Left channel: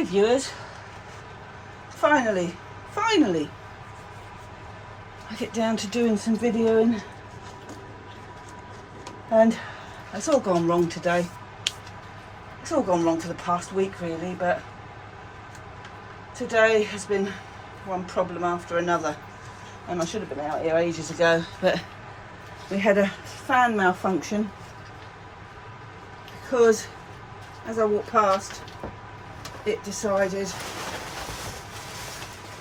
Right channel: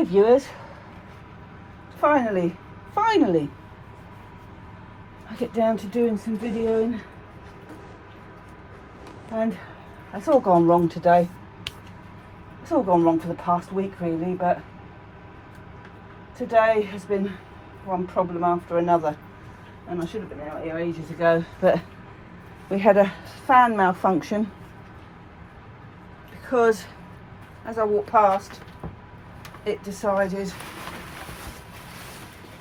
Hi viewers, finally I get down to doing some videoing, and it's all gone wrong today. It's all gone wrong for the past week really, but today has been one problem after another, and I should have been out here ages ago, but we had a fan malfunction because as I walked past it decided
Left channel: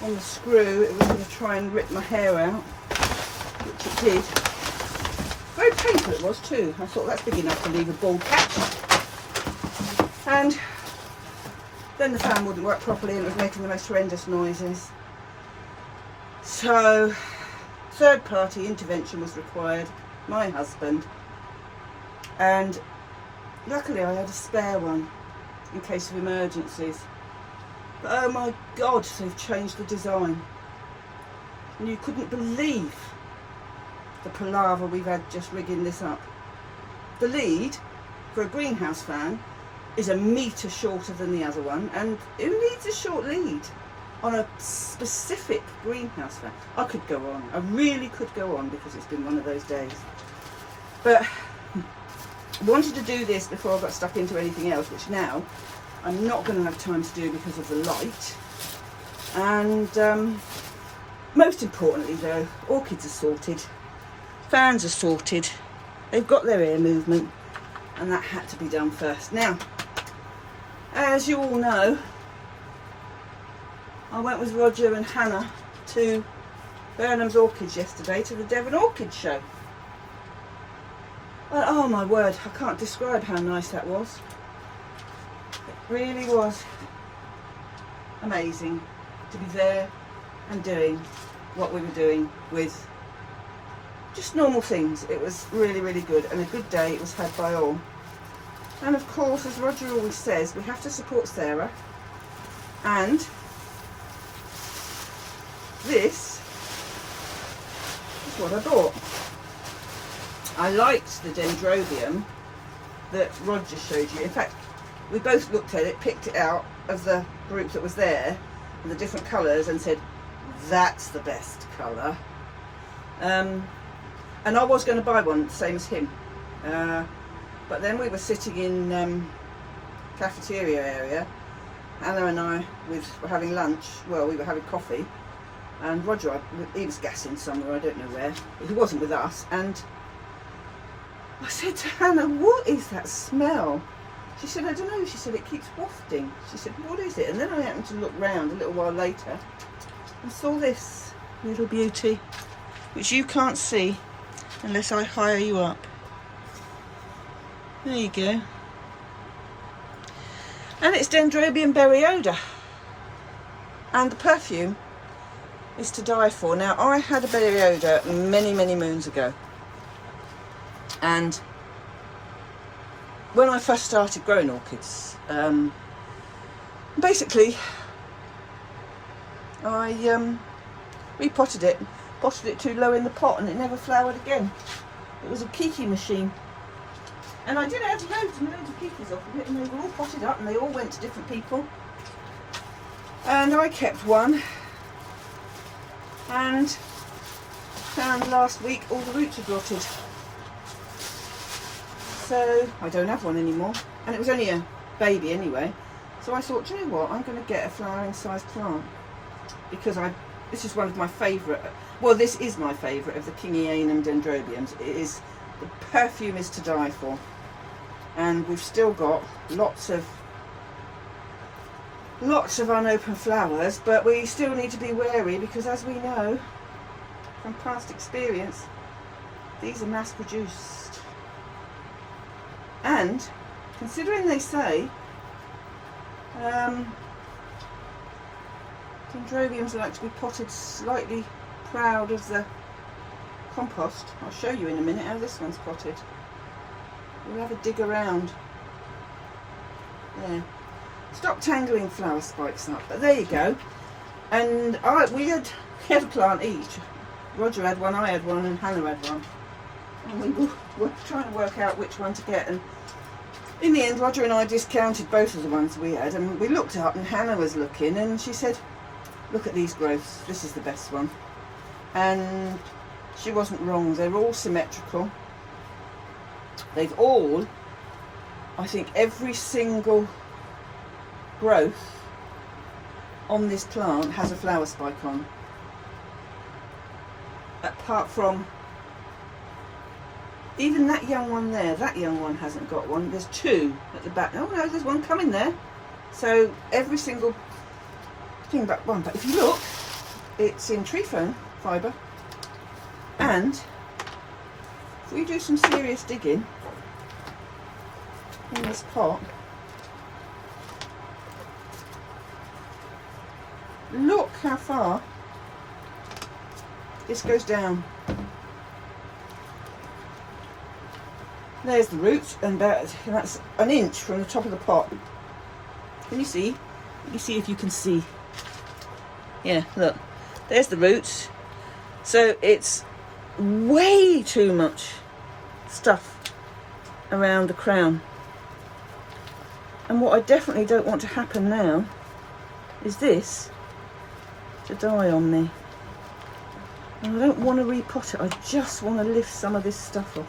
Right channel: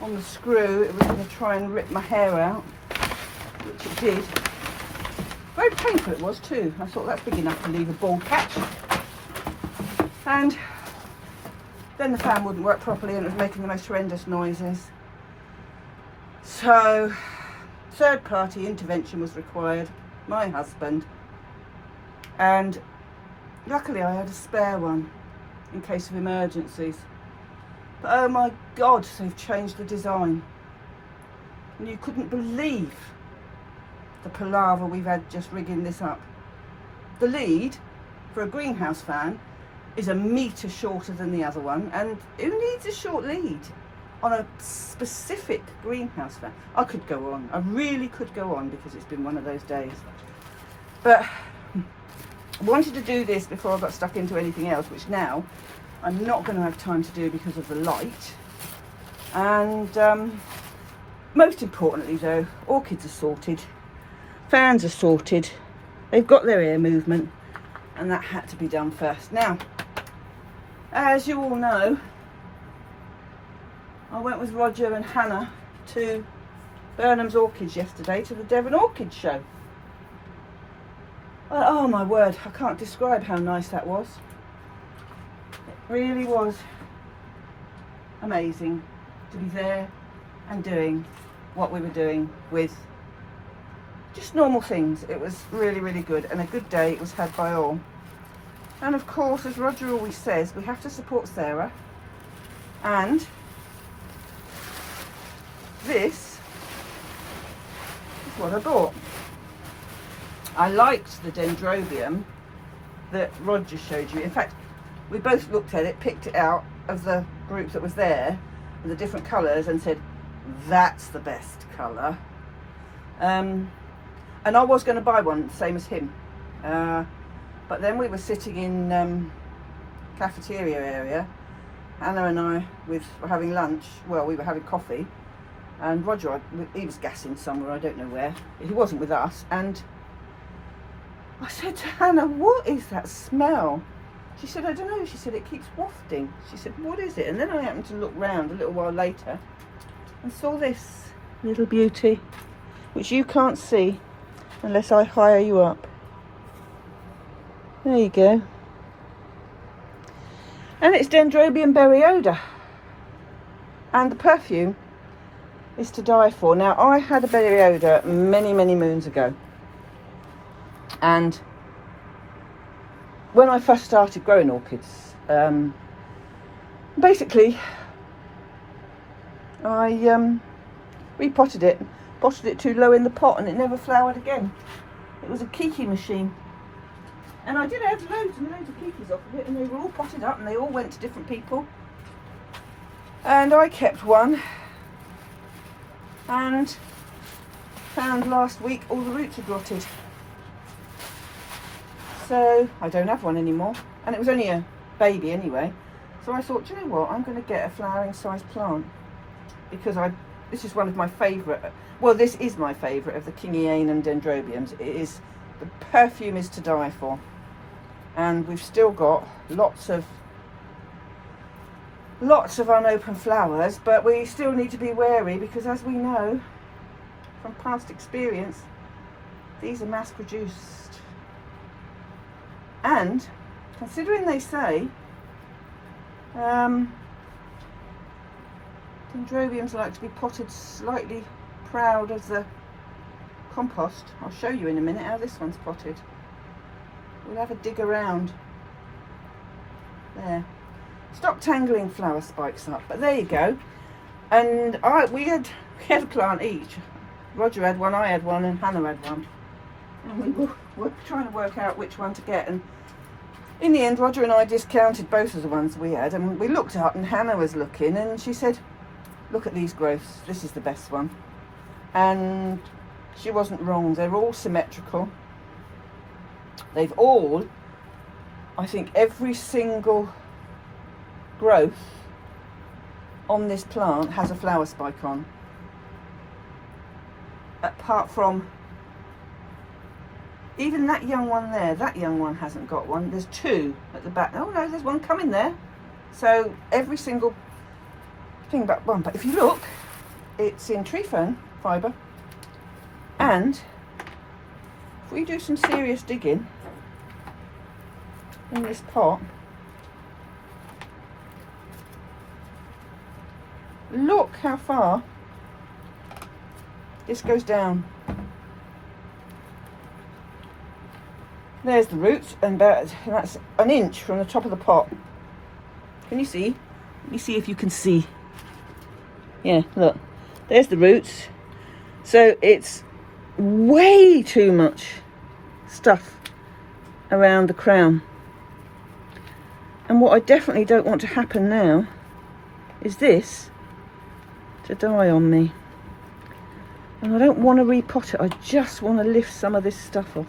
on the screw it was going to try and rip my hair out, which it did. Very painful it was too. I thought that's big enough to leave a bald patch. And then the fan wouldn't work properly and it was making the most horrendous noises. So third party intervention was required, my husband, and luckily I had a spare one in case of emergencies. But oh my God, they've changed the design. And you couldn't believe the palaver we've had just rigging this up. The lead for a greenhouse fan is a metre shorter than the other one, and who needs a short lead on a specific greenhouse fan? I could go on, I really could go on, because it's been one of those days. But I wanted to do this before I got stuck into anything else, which now I'm not going to have time to do because of the light. And most importantly though, orchids are sorted, fans are sorted, they've got their air movement, and that had to be done first. Now, as you all know, I went with Roger and Hannah to Burnham's Orchids yesterday, to the Devon Orchid Show. Oh my word, I can't describe how nice that was. It really was amazing to be there and doing what we were doing with just normal things. It was really, really good, and a good day it was had by all. And of course, as Roger always says, we have to support Sarah, and this is what I bought. I liked the dendrobium that Roger showed you. In fact, we both looked at it, picked it out of the group that was there, with the different colours, and said, that's the best colour. And I was going to buy one, same as him. But then we were sitting in cafeteria area. Anna and I were having lunch. Well, we were having coffee. And Roger, he was gassing somewhere, I don't know where. He wasn't with us. And I said to Hannah, what is that smell? She said, I don't know. She said, it keeps wafting. She said, what is it? And then I happened to look round a little while later and saw this little beauty, which you can't see unless I hire you up. There you go. And it's Dendrobium berryoda. And the perfume is to die for. Now, I had a berryoda many, many moons ago. And when I first started growing orchids, basically I repotted it, potted it too low in the pot, and it never flowered again. It was a kiki machine, and I did add loads and loads of kikis off of it, and they were all potted up and they all went to different people, and I kept one, and found last week all the roots had rotted. So I don't have one anymore, and it was only a baby anyway. So I thought, do you know what, I'm going to get a flowering size plant, because this is one of my favourite, well, this is my favourite of the Kingiane and dendrobiums. It is, the perfume is to die for, and we've still got lots of unopened flowers, but we still need to be wary, because as we know from past experience, these are mass produced. And considering they say dendrobiums like to be potted slightly proud of the compost, I'll show you in a minute how this one's potted. We'll have a dig around. There. Stop tangling flower spikes up. But there you go. And we had a plant each. Roger had one, I had one, and Hannah had one. And we were trying to work out which one to get, and in the end, Roger and I discounted both of the ones we had, and we looked up and Hannah was looking and she said, look at these growths, this is the best one. And she wasn't wrong, they're all symmetrical. They've all, I think every single growth on this plant has a flower spike on. Apart from even that young one there, that young one hasn't got one. There's two at the back. Oh no, there's one coming there. So every single thing but one. But if you look, it's in tree fern fibre. And if we do some serious digging in this pot, look how far this goes down. There's the roots, and that's an inch from the top of the pot. Can you see? Let me see if you can see. Yeah, look. There's the roots. So it's way too much stuff around the crown. And what I definitely don't want to happen now is this to die on me. And I don't want to repot it, I just want to lift some of this stuff off.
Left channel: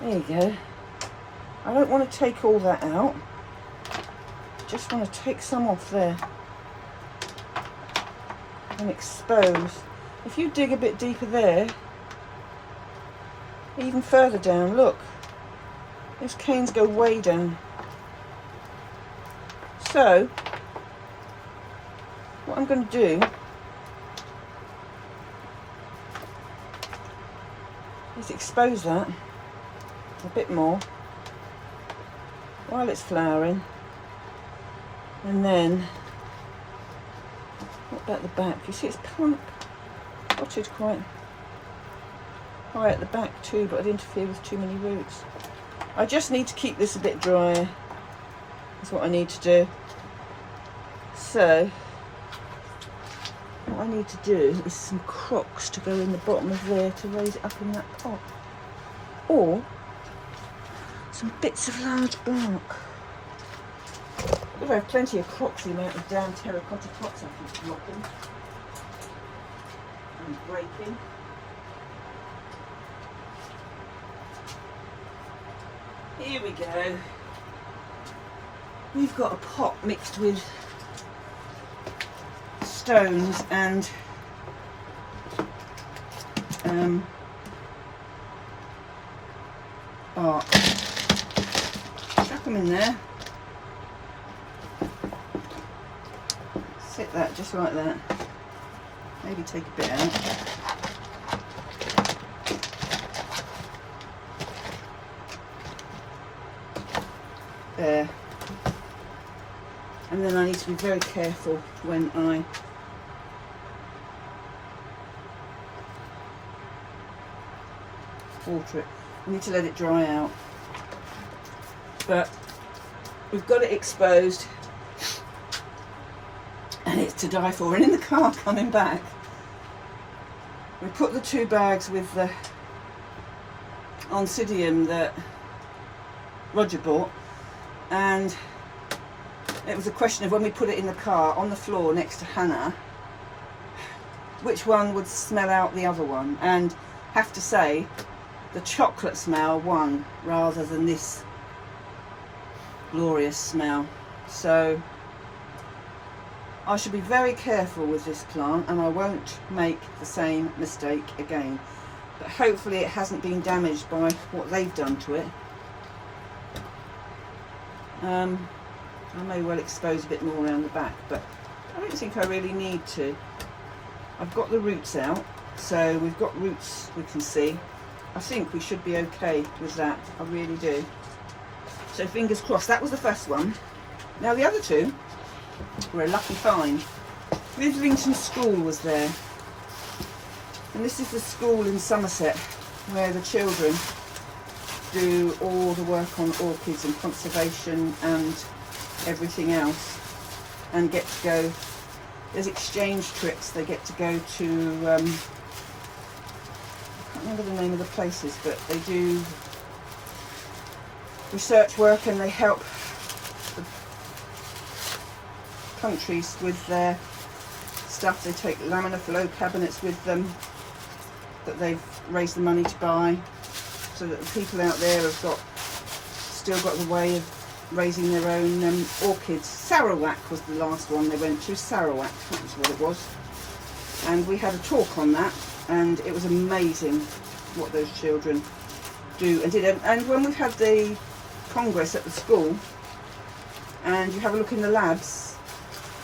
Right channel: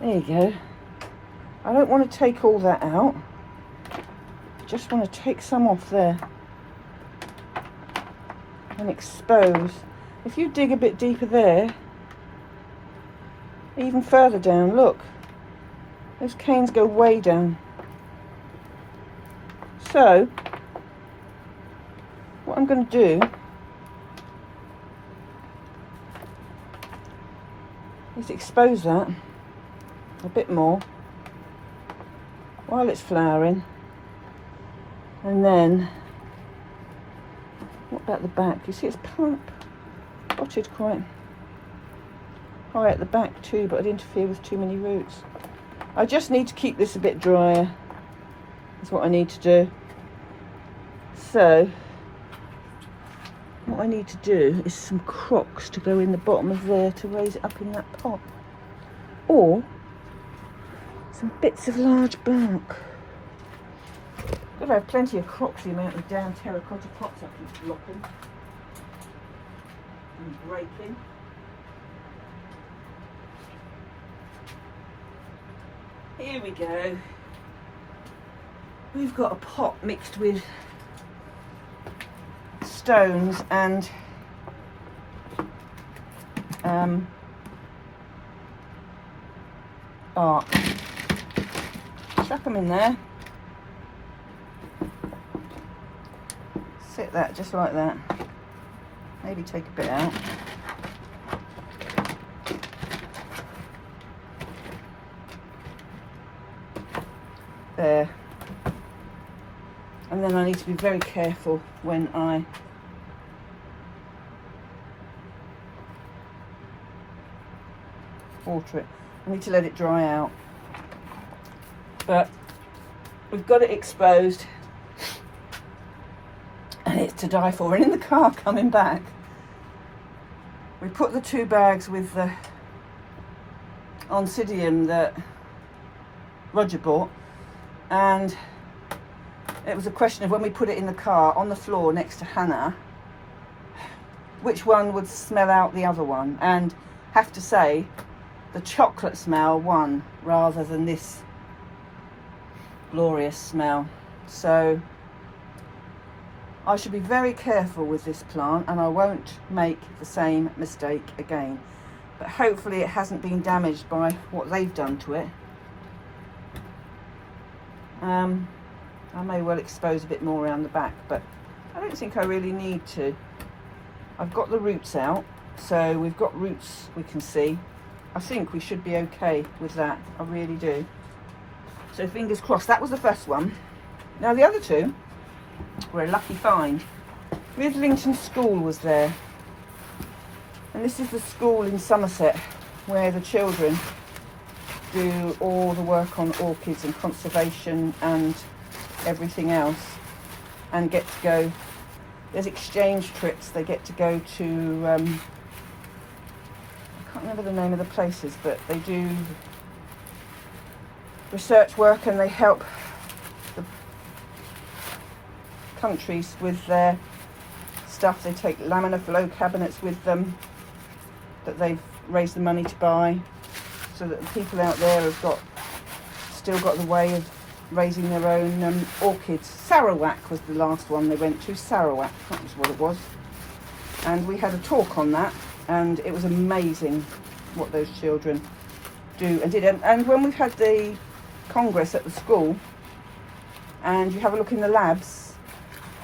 There you go. I don't want to take all that out. I just want to take some off there and expose. If you dig a bit deeper there, even further down, look, those canes go way down. So what I'm going to do is expose that a bit more while it's flowering, and then what about the back? You see it's potted quite high at the back too, but I'd interfere with too many roots. I just need to keep this a bit drier. That's what I need to do. So what I need to do is some crocks to go in the bottom of there to raise it up in that pot, or some bits of large blanc. I have plenty of crocks, the amount of damn terracotta pots I can block them and breaking. Here we go. We've got a pot mixed with stones and bark. Chuck them in there. Sit that just like that. Maybe take a bit out. There. And then I need to be very careful when I water it. I need to let it dry out. But we've got it exposed and it's to die for. And in the car coming back, we put the 2 bags with the oncidium that Roger bought, and it was a question of when we put it in the car on the floor next to Hannah, which one would smell out the other one. And have to say, the chocolate smell won rather than this glorious smell. So I should be very careful with this plant and I won't make the same mistake again. But hopefully it hasn't been damaged by what they've done to it. I may well expose a bit more around the back, but I don't think I really need to. I've got the roots out, so we've got roots we can see. I think we should be okay with that, I really do. So fingers crossed. That was the first one. Now the other 2 were a lucky find. Withlington School was there, and this is the school in Somerset where the children do all the work on orchids and conservation and everything else, and get to go, there's exchange trips, they get to go to I can't remember the name of the places, but they do research work and they help the countries with their stuff. They take laminar flow cabinets with them that they've raised the money to buy, so that the people out there have still got the way of raising their own orchids. Sarawak was the last one they went to. Sarawak, that was what it was. And we had a talk on that, and it was amazing what those children do and did. And when we've had the congress at the school, and you have a look in the labs,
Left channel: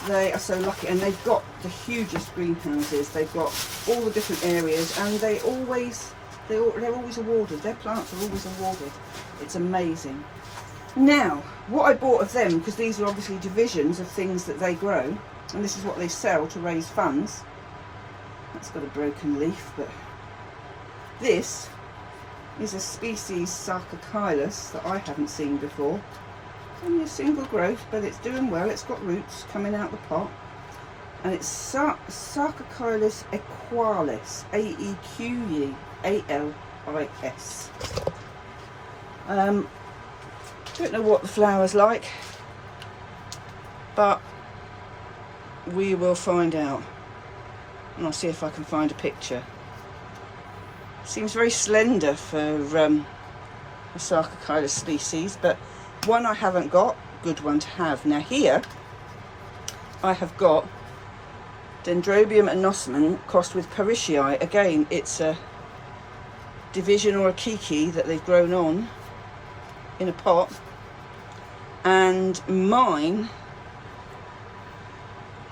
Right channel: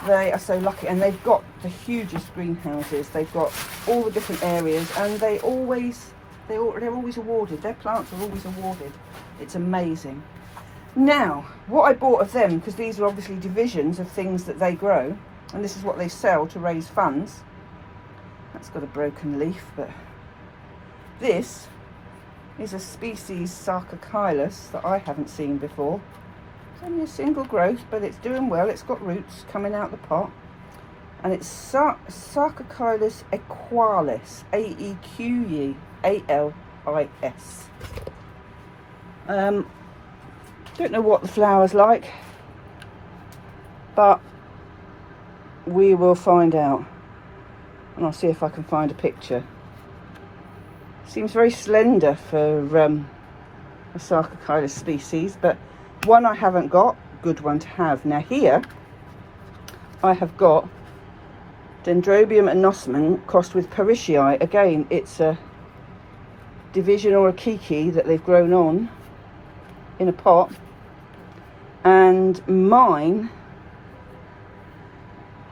they are so lucky, and they've got the hugest greenhouses. They've got all the different areas, and they're always awarded. Their plants are always awarded. It's amazing. Now, what I bought of them, because these are obviously divisions of things that they grow, and this is what they sell to raise funds. That's got a broken leaf, but this is a species Sarcochilus that I haven't seen before. It's only a single growth, but it's doing well. It's got roots coming out the pot, and it's Sarcochilus equalis, Aequalis. Don't know what the flower's like, but we will find out, and I'll see if I can find a picture. Seems very slender for a Sarcochilus species, but one I haven't got, good one to have. Now here I have got Dendrobium anosmum crossed with Parishii. Again, it's a division or a kiki that they've grown on in a pot, and mine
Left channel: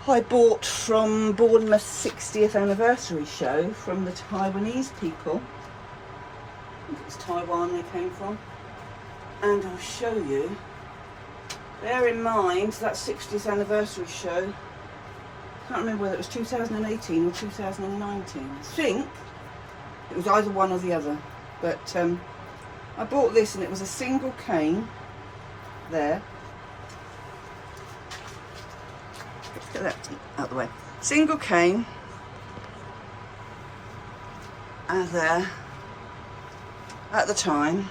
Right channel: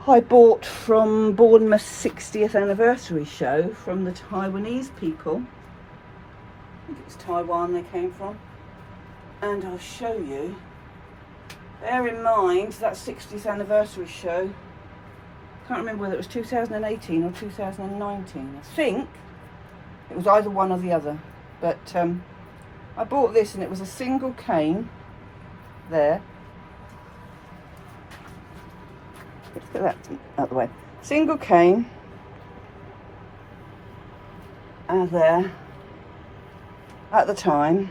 I bought from Bournemouth 60th anniversary show from the Taiwanese people. I think it was Taiwan they came from, and I'll show you. Bear in mind that 60th anniversary show, can't remember whether it was 2018 or 2019. I think it was either one or the other, but I bought this, and it was a single cane there. Let's get that out of the way. Single cane there at the time,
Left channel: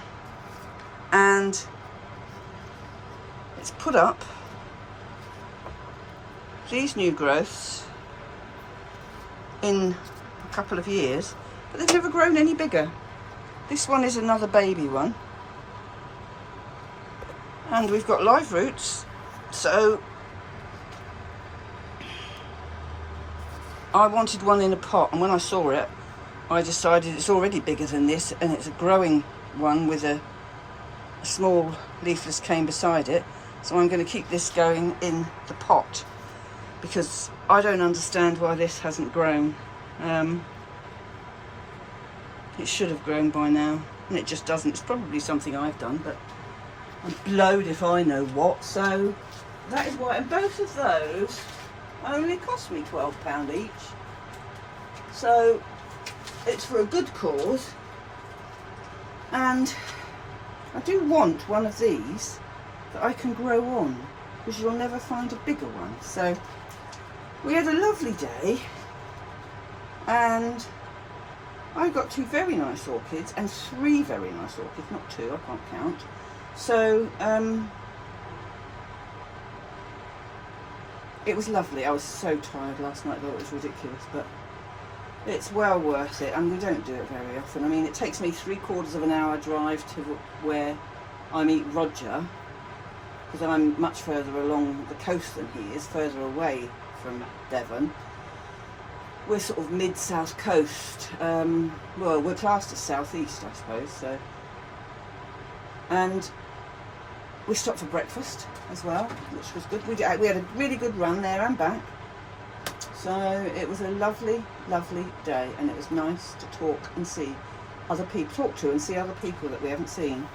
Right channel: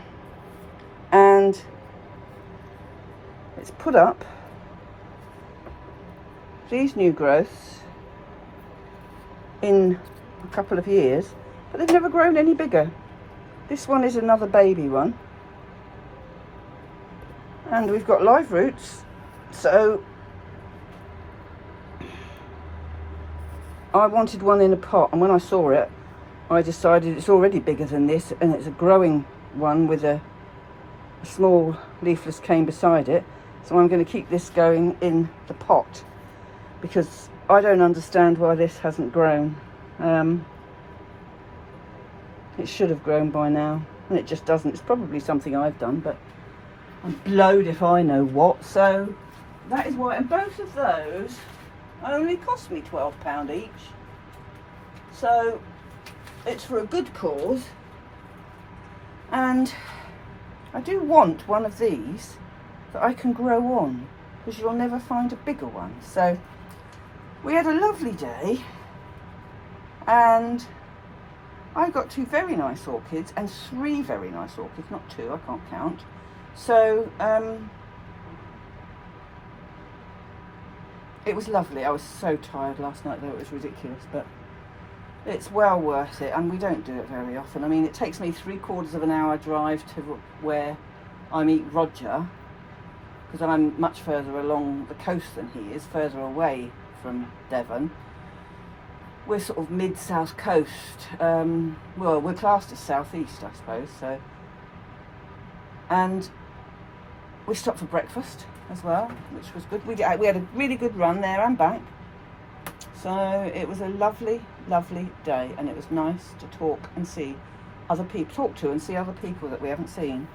and it's put up these new growths in a couple of years, but they've never grown any bigger. This one is another baby one, and we've got live roots, so I wanted one in a pot, and when I saw it, I decided it's already bigger than this, and it's a growing one with a small leafless cane beside it. So I'm going to keep this going in the pot, because I don't understand why this hasn't grown. It should have grown by now, and it just doesn't. It's probably something I've done, but I'm blowed if I know what. So that is why, and both of those only cost me £12 each, so it's for a good cause. And I do want one of these that I can grow on, because you'll never find a bigger one. So we had a lovely day, and I got 2 very nice orchids and 3 very nice orchids, not 2, I can't count. So it was lovely. I was so tired last night, though. It was ridiculous, but it's well worth it, and we don't do it very often. I mean, it takes me 3/4 of an hour drive to where I meet Roger, because I'm much further along the coast than he is, further away from Devon. We're sort of mid-south coast. Well, we're classed as southeast, I suppose. So, and we stopped for breakfast as well, which was good. We had a really good run there and back. So it was a lovely, lovely day, and it was nice to talk and see other people, and see other people that we haven't seen.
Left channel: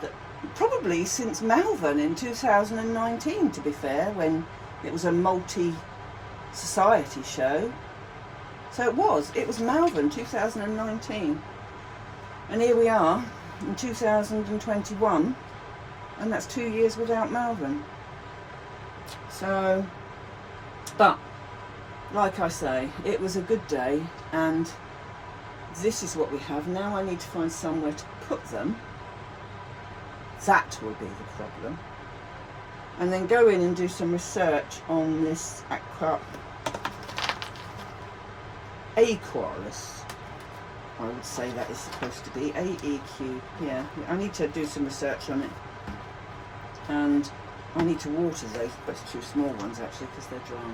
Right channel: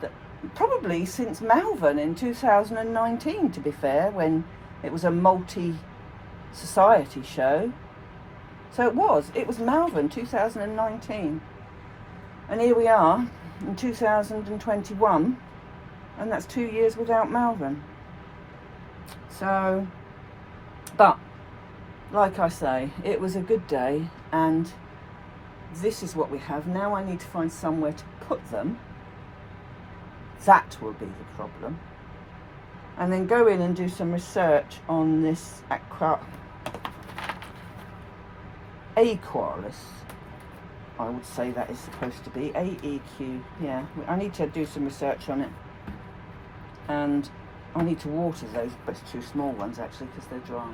That probably since Malvern in 2019, to be fair, when it was a multi-society show. So it was Malvern 2019, and here we are in 2021, and that's 2 years without Malvern. So, but like I say, it was a good day, and this is what we have. Now I need to find somewhere to put them. That will be the problem. And then go in and do some research on this Aquaris. I would say that is supposed to be AEQ. Yeah, I need to do some research on it. And I need to water those, but two small ones actually, because they're dry.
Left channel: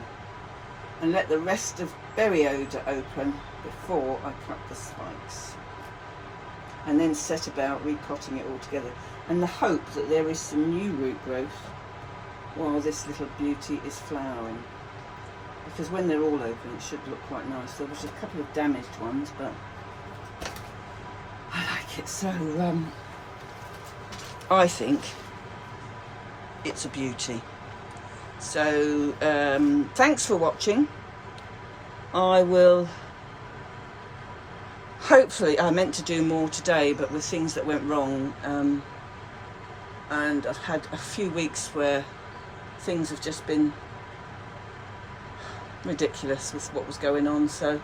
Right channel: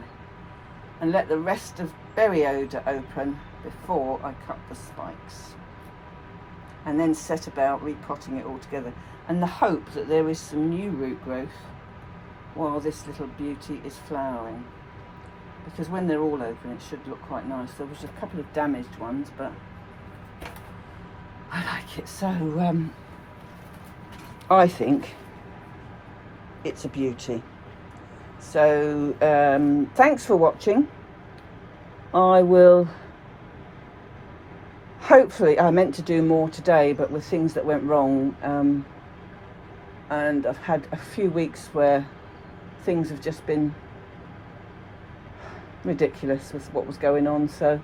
And let the rest of berry odour open before I cut the spikes. And then set about repotting it all together. And the hope that there is some new root growth while this little beauty is flowering. Because when they're all open, it should look quite nice. There was a couple of damaged ones, but I like it. So I think it's a beauty. So thanks for watching. I will hopefully, I meant to do more today, but with things that went wrong, and I've had a few weeks where things have just been ridiculous with what was going on, so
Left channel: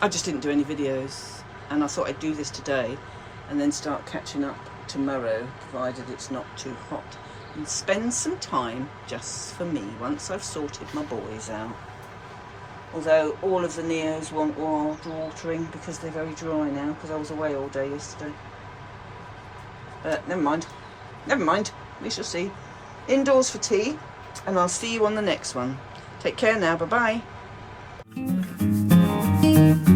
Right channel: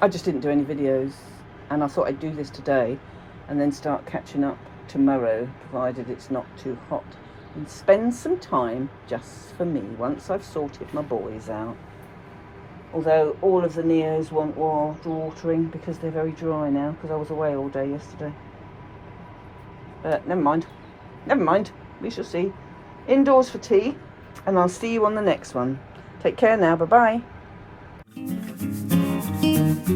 I just didn't do any videos, and I thought I'd do this today and then start catching up tomorrow, provided it's not too hot, and spend some time just for me once I've sorted my boys out. Although all of the Neos want watering because they're very dry now, because I was away all day yesterday. But never mind, we shall see. Indoors for tea, and I'll see you on the next one. Take care now, bye bye.